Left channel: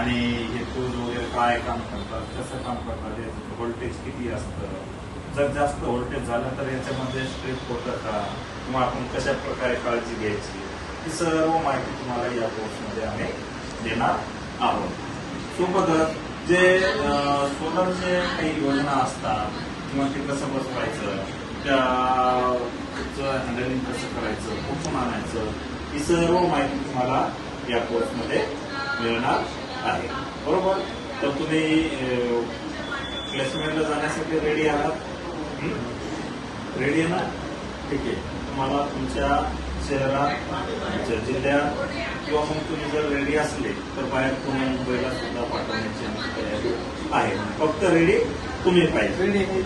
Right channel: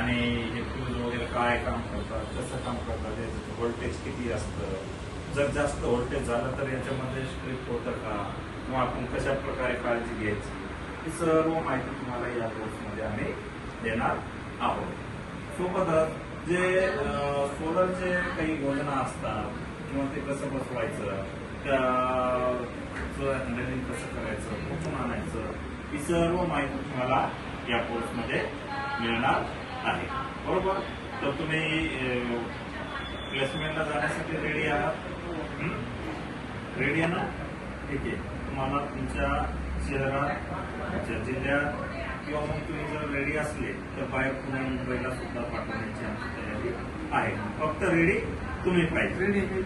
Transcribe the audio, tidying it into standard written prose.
आणि हे फ्यूज वगैरे काय काम करतात, कसं काम करतात, याचं व्होल्टेज किती असतं, जर जास्त व्होल्टेज झालं तर याच्यामध्ये स्ट्रिप होतं का, किंवा आपण कशा प्रकारे काळजी घ्यायची, ही सर्व माहिती तुम्हाला या कोर्समध्ये आम्ही देणार आहोत. सोबतच जे सोलरचे काही योजना असतात किंवा ते कसं बसवायचं, त्याचं हँडलिंग कसं करायचं, कुठून आणायचं, ही सर्व माहिती तुम्हाला या कोर्समध्ये मिळणार आहे. बरोबर. तर तुम्ही प्लेसमेंटला जाण्यासाठी रेडी आहात? रेडी आहे ना? ठीक आहे. तुम्हाला तुमच्या शहरात, तुमच्या जिल्ह्यात किंवा मग तुम्ही जर रेडी असले तर बाहेर पुणे मुंबईला सुद्धा पाठवण्याची आमची तयारी आहे. फक्त रेडी तुम्ही पाहिजे. रेडी